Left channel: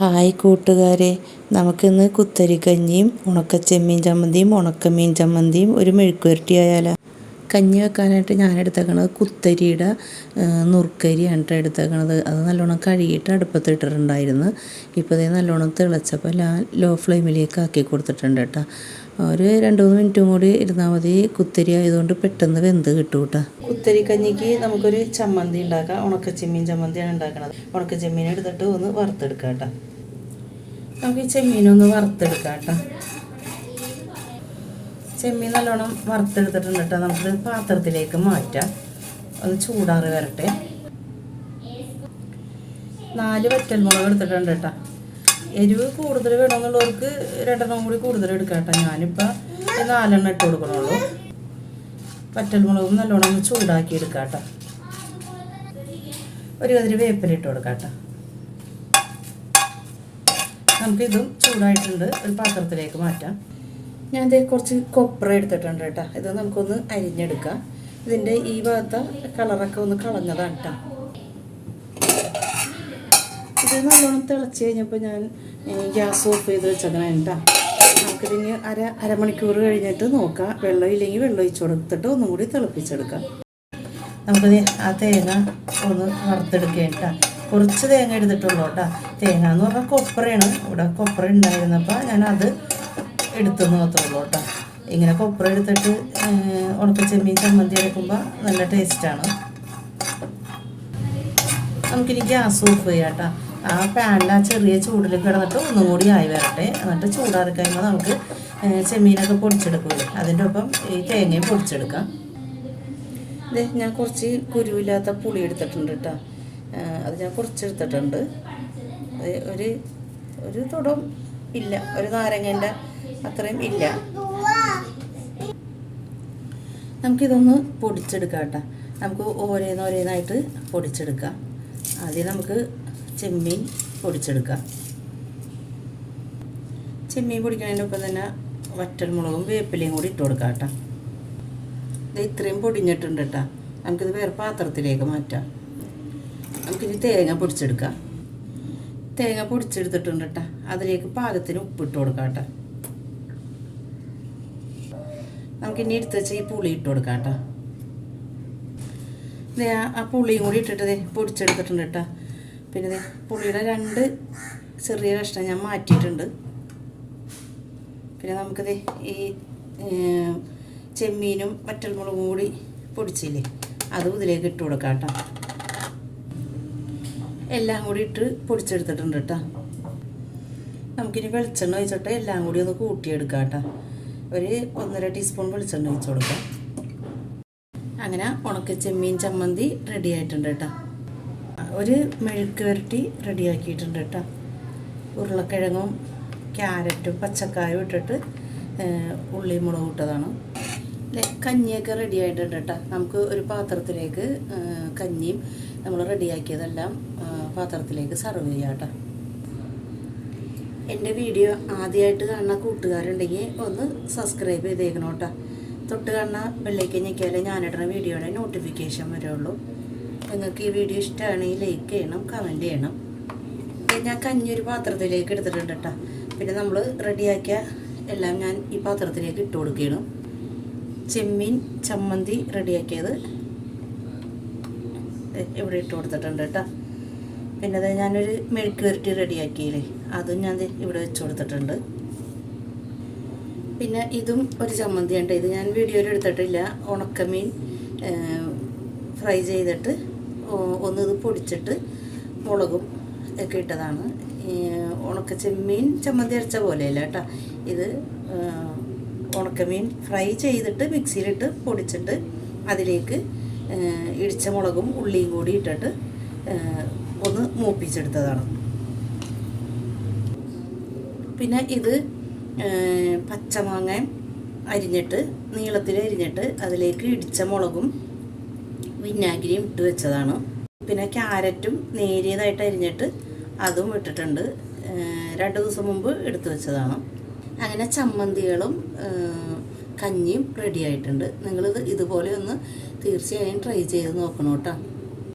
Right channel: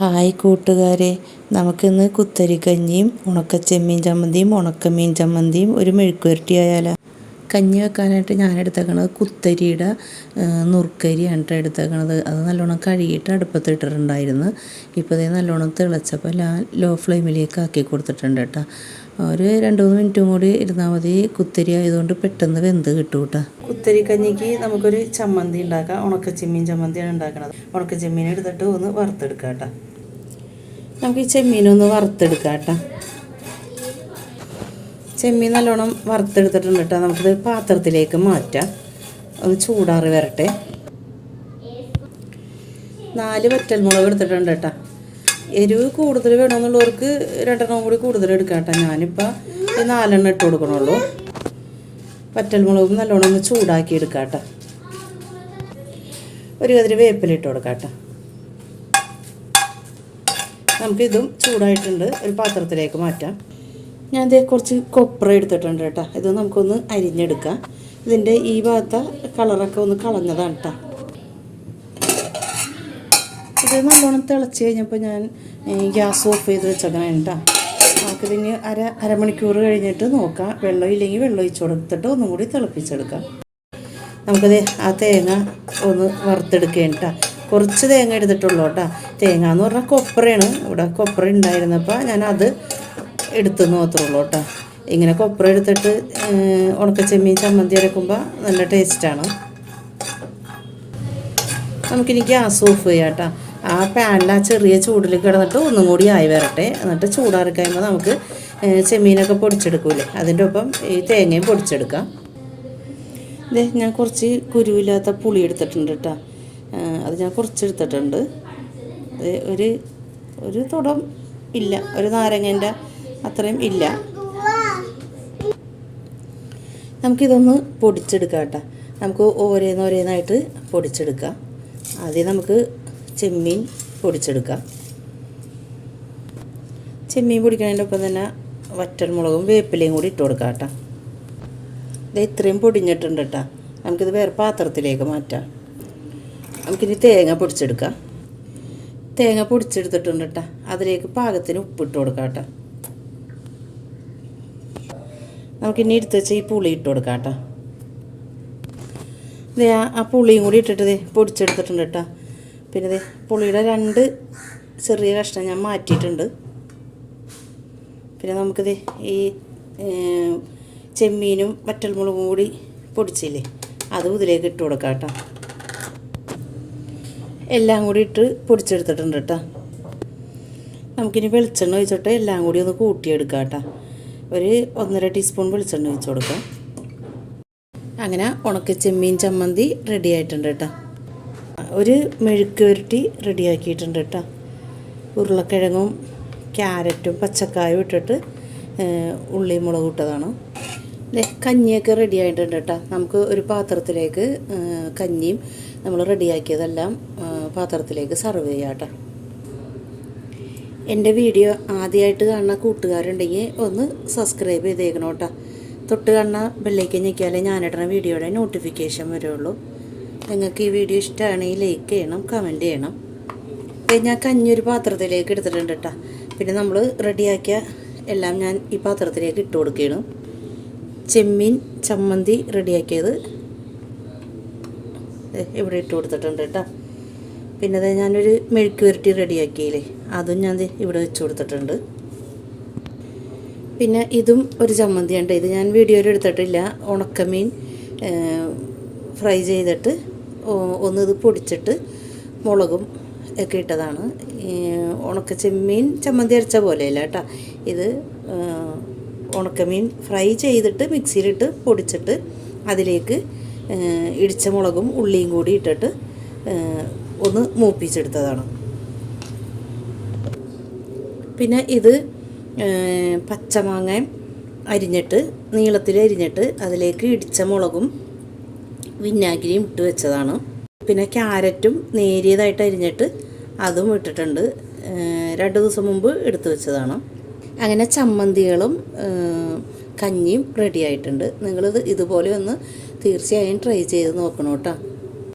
Hi കൂട്ടുകാരെ. നമുക്കിന്ന് കുത്തരിക്കഞ്ഞിയും ഉണക്കച്ചെമ്മീൻ ചമ്മന്തിയും ഉണക്കമീൻ ചമ്മന്തിയും ഒരു മെഴുക്കുവരട്ടി ആയാലോ? കഞ്ഞി വെക്കാനായിട്ട് ഞാൻ എടുത്തേക്കണത് കുത്തരിയുടെ നുറുക്കരിയാണ് കേട്ടോ എടുത്തേക്കണത്. അത് നല്ലോണം കഴുകിയിട്ട് അടുപ്പത്തിട്ടിട്ടുണ്ടായിരുന്നു ഇപ്പോൾ ഇതേ നല്ലോണം തിളച്ചപ്പോൾ ഞാൻ ലോ ഫ്ലെയിമിലേക്ക് ആക്കി കൊടുത്തിട്ടുണ്ട് കേട്ടോ ഒരു രണ്ട് മൂന്ന് മിനിറ്റും കൂടി ഇരുന്നാൽ മതി. കുത്തരി ആയതുകൊണ്ട് പെട്ടെന്ന് വെന്ത് കിട്ടും കേട്ടോ കുത്തരി കഞ്ഞിക്ക് നമുക്കൊരു ചമ്മന്തി ഉണ്ടാക്കാം. ഉണക്കച്ചെമ്മീൻ ചമ്മന്തിയാണ് ഉണ്ടാക്കണത്. ഉണക്കച്ചെമ്മീൻ എടുത്തിട്ട് ഒന്ന് വറുത്തെടുക്കാം കേട്ടോ നമുക്ക് ഈ ചെമ്മീനൊന്ന് വറുത്തെടുക്കാം കേട്ടോ ചെമ്മീൻ നല്ലോണം വറുത്തെടുത്തിട്ടുണ്ട് കേട്ടോ. നമുക്കിത് പാത്രത്തിലേക്ക് മാറ്റാം. ഒന്ന് ചൂടാറി വരട്ടെ. നാല് വറ്റൽമുളക് എടുത്തിട്ടുണ്ട് കേട്ടോ. എരിവ് കൂടുതൽ വേണമെന്നുള്ളവർക്ക് രണ്ടെണ്ണം കൂടി കൂടുതൽ എടുക്കാം കേട്ടോ. ഞാനിപ്പോൾ നാലെണ്ണം ഇട്ട് കൊടുക്കണുള്ളൂ. വറ്റൽമുളകും നല്ലോണം ഒന്ന് ചൂടാക്കി എടുക്കാം കേട്ടോ. ഒരു കതിരി വേപ്പിലിട്ട് കൊടുക്കാം കേട്ടോ. നമുക്കിതും ചൂടായിട്ടുണ്ട്. ഒരു പാത്രത്തിലേക്ക് മാറ്റാം. ഞാൻ ഇതേ കുറച്ച് കൊപ്ര എടുത്തിട്ടുണ്ട് കേട്ടോ. ഇത് നമുക്കൊന്ന് അരിഞ്ഞെടുക്കാം. ഇതിന്റെ ഈ ഭാഗത്തെ കളറൊക്കെ ഒന്ന് കളഞ്ഞതാണ് കേട്ടോ. ഇത് നല്ലോണം തിളച്ച് കഴിഞ്ഞപ്പോൾ ഞാൻ ഗ്യാസ് ഓഫ് ചെയ്ത് വെച്ചതാണ് കേട്ടോ. നമുക്ക് പിന്നെ അര അരമണിക്കൂർ കഴിഞ്ഞിട്ട് നോക്കാം. വെള്ളം ഇല്ലെങ്കിൽ വെള്ളം ഒഴിച്ച് കൊടുത്തിട്ട് ഒന്നും കൂടി തിളപ്പിച്ചെടുക്കാം. നമുക്കത് ആ തേങ്ങ ഒന്ന് വറുത്തെടുക്കുകയാണ് കേട്ടോ. കുറച്ച് തേങ്ങ എടുത്തിട്ടുള്ളൂ കേട്ടോ. തേങ്ങ എന്ന് പറഞ്ഞാൽ കൊപ്രയാണ് ഇവിടെ കൊപ്ര ഉണ്ടായിരുന്നപ്പോൾ ഞാൻ അത് എടുത്തു മാത്രമേ ഉള്ളൂ കേട്ടോ. ഇങ്ങനെ കൊപ്ര എടുത്തിട്ട് ഉണക്ക ചെമ്മീൻ ചമ്മന്തി അരക്കുമ്പോൾ നല്ല ടേസ്റ്റാണ് നമുക്കിനി ഗ്യാസ് ഓഫ് ചെയ്യാം കേട്ടോ. ആ പാനിൽ ആ ചെറിയ ചൂടിൽ കിടന്നിട്ട് ഒന്നും കൂടി ആയി വരട്ടെ. എന്നിട്ട് ചൂടാറി നമുക്ക് ചെമ്മീനൊക്കെ പൊടിച്ചെടുക്കൂലേ. അതിന്റെ ഒപ്പം ഈ തേങ്ങയും പൊടിച്ചെടുക്കാം. ഇത് ഞാൻ കുറച്ച് കുരുവില്ലാത്ത പുളി എടുത്തിട്ടുണ്ട് കേട്ടോ. അത് ഞാൻ കുറച്ചെടുത്തിട്ടുണ്ട്. ഒരു ഒരു തുടം ഇല്ല. ഒരു നാരങ്ങേന്റെ അത്രയും ഇല്ല. നമുക്കിതൊന്ന് പൊടിച്ചെടുക്കാം കേട്ടോ. നമുക്ക് ഓരോന്നോരോന്നായിട്ട് പൊടിച്ചെടുക്കാം. ആദ്യം നമുക്ക് ചെമ്മീൻ പൊടിച്ചെടുക്കാം. ചെമ്മീൻ പൊടിക്കുന്നതിന്റെ ഒപ്പം തന്നെ വറ്റൽമുളകും വേപ്പിലയും കൂടി ഇട്ട് കൊടുക്കാം കേട്ടോ. ഇത് ഇത്രയും പൊടിഞ്ഞിട്ടുണ്ട് കേട്ടോ. നമുക്കിത് വേറെ പാത്രത്തിലേക്ക് മാറ്റാം. നമുക്കിനി തേങ്ങ പൊടിച്ചെടുക്കാം. തേങ്ങ പൊടിച്ചെടുത്തിട്ടുണ്ട് കേട്ടോ. അതിലേക്ക് പാകത്തിന് ഉപ്പിട്ട് കൊടുക്കാം കേട്ടോ. നമുക്കിനി എടുത്ത് വെച്ച് ഈ പുളി ഇട്ട് കൊടുക്കാം കേട്ടോ. ഇത് ആ പുളിയും കൂടി ഇട്ടിട്ട് പൊടിച്ചെടുത്തിട്ടുണ്ട് കേട്ടോ. പിന്നെ ഇത് പുളിയുടെ രണ്ട് ചെറിയ കഷ്ണം ഞാൻ മാറ്റിയിട്ടുണ്ട്. പിന്നെ നമുക്കിത് ഈ ചെമ്മീനും വറ്റൽമുളകും കൂടി പൊടിച്ചില്ലേ അതും ഇതിലേക്ക് ഇട്ട് കൊടുക്കാം കേട്ടോ. എല്ലാം കൂടി ഇട്ട് പൊടിച്ചെടുത്തിട്ടുണ്ട് കേട്ടോ. നമുക്കിനി വെളിച്ചെണ്ണ ഒഴിച്ചിട്ട് എല്ലാം കൂടി ഒന്ന് കൂട്ടിയെടുക്കാം കേട്ടോ. ഒരു ഒന്നര ടീസ്പൂൺ വെളിച്ചെണ്ണ ഒഴിച്ച് കൊടുക്കാം. അങ്ങനെ ഉണക്ക ചെമ്മീൻ ചമ്മന്തി റെഡി ആയിട്ടുണ്ട് കേട്ടോ ഒരു മെഴുക്ക് വരട്ടി റെഡിയാക്കിയിട്ടുണ്ട് കേട്ടോ ഉരുളക്കിഴങ്ങും ക്യാരറ്റും പച്ചക്കായും ഇട്ടിട്ട് ഉള്ളി മുളക് ഇട്ടതാണ്. കഞ്ഞിയൊക്കെ റെഡി ആയിട്ടുണ്ട് കേട്ടോ നമുക്ക് ഒരു പാത്രത്തിലേക്ക് കഞ്ഞിയും നമ്മൾ റെഡിയാക്കിയതെല്ലാം പാത്രത്തിലേക്ക് സെർവ് ചെയ്യാം കേട്ടോ എന്റെ വീഡിയോ ആദ്യമായിട്ട് കാണുന്ന കൂട്ടുകാരുണ്ടെങ്കിൽ ഒന്ന് സബ്സ്ക്രൈബ് ചെയ്തേക്കണം കേട്ടോ. തൊട്ട് കാണുന്ന ബെല്ലേക്ക് ഞെക്കിയാലേ ഞാനിടുന്ന വീഡിയോയുടെ നോട്ടിഫിക്കേഷൻ വരുള്ളൂ. നിങ്ങൾക്ക് ഈ വീഡിയോ ഇഷ്ടമാണെങ്കിൽ ലൈക്ക് ചെയ്യണം കമന്റ് ചെയ്യണം. ഞാൻ കഞ്ഞി ഒരു പാത്രത്തിലേക്ക് എടുത്തിട്ടുണ്ട് കേട്ടോ. പിന്നെ നമ്മൾ റെഡിയാക്കിയ എല്ലാം ഞാൻ ഈ പാത്രത്തിലേക്ക് ഇട്ട് കൊടുക്കുകയാണ്. ചെമ്മീൻ ചമ്മന്തി റെഡിയാക്കിയത് ഇവിടെ ഇട്ട് കൊടുത്തിട്ടുണ്ട് കേട്ടോ. പിന്നെ അത് ഞാനൊരു മെഴുക്ക് വരട്ടി റെഡിയാക്കിയില്ലേ. അതും ഞാൻ ഇവിടെ വെച്ച് കൊടുത്തിട്ടുണ്ട്. പിന്നെ ഇതും ഒരു ചമ്മന്തിയുണ്ട് ഇത് ഞാൻ വീഡിയോയിൽ എടുത്തിട്ടില്ല. ഉണക്കമീൻ ഫ്രൈ ചെയ്തിട്ട് ഒന്ന് ഇത് പൊടിച്ചിട്ട് മുളകും ഒക്കെ ഇട്ടതാണ്. ഉണക്ക ചെമ്മീൻ ചമ്മന്തി അരച്ച പോലെയല്ല കേട്ടോ. ഇത് ഉണക്കമീൻ ഫ്രൈ ചെയ്തിട്ട് മിക്സിയിലിട്ട് പൊടിച്ചിട്ട് അതിലേക്ക് ഇടിച്ച മുളകും ഉള്ളിയും കൂടി ഇട്ടിട്ട് ഒന്ന് മൂപ്പിച്ചെടുത്തതാണ്. പിന്നെ ഇത് പച്ചമാങ്ങ അരിഞ്ഞിട്ട് നീളത്തിൽ അരിഞ്ഞിട്ട് അതിലേക്ക് ഇടിച്ച മുളകും വിനാഗിരിയും ഇട്ട് വെച്ചതാണ്. പിന്നെ ക്യാരറ്റും നേരിയതായിട്ട് അരിഞ്ഞിട്ട് അതും ഇട്ടിട്ടുണ്ട്. രണ്ട് ദിവസം മുമ്പ് എടുത്തു വെച്ചതാണ്. അങ്ങനെ ചമ്മന്തികളും കഞ്ഞിയും റെഡി ആയിട്ടുണ്ട്. നിങ്ങളിത് ഇതുപോലെ ഒന്ന് തീർച്ചയായും ട്രൈ ചെയ്ത് നോക്കണം കേട്ടോ.